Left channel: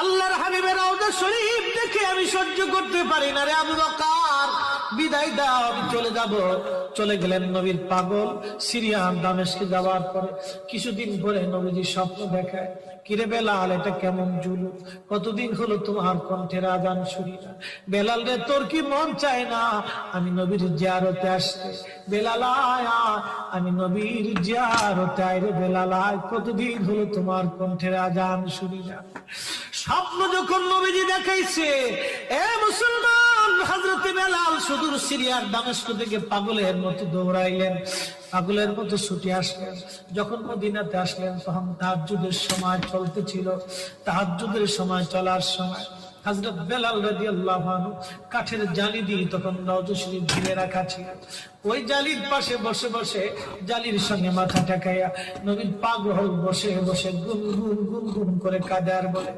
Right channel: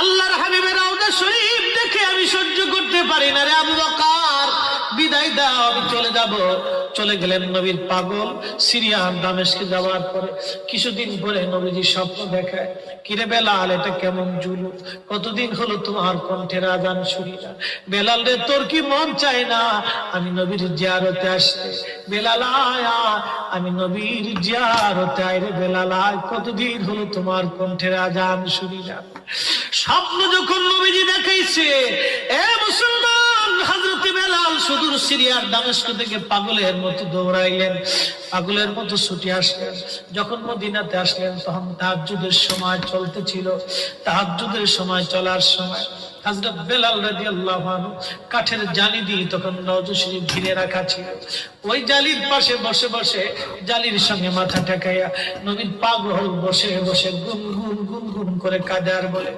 আল্লাহর হাবিবের রওজা শরীফ দেখে আমি সহ্য করতে পারি না রে আবু বকর, বিদায় দাও, আমি চলে যাব। চলে গেলেন নবীর পাগল। সিরিয়ান দামেস্কে যাওয়ার পরে কিছুদিন পরে নবীজি স্বপ্ন দেখায়, কিরে বেলাল, এটা কেমন জুলুম, কতদিন হলো তোমার কণ্ঠের আজান শুনি না। বেলাল রে, তোর কি মন চায় না আমি নবীর জিয়ারতে আসতে? বেলাল আয়, আমি নবীর জিয়ারতে আয় রে বেলাল আয়, কতদিন হলো তোমার কণ্ঠের আজান শুনি না। স্বপ্ন যখন নবীজি দেখাইছে, এ মুসলমান, হযরত বেলাল সুদূর সিরিয়ার দামেস্ক থেকে পাগলের মতো দৌড়াইলেন, পাগলের মতো ছুটে আসলেন। যখন মদিনাতে আসলেন তখন তাহাজ্জুদের সময় চলতেছিল। তাহাজ্জুদের সময় চলার সময় হযরত বেলাল রাদিয়াল্লাহু আনহু কাঠের জালি দিয়ে তখন রওজা শরীফ ঘিরে রাখা ছিল। ওই জালির পাশে বসে বসে জালির সঙ্গে মাথা ঠেকাইয়া নবীর পাগল বসে বসে গুনগুন গুনগুন করে কাঁদে আর বলে,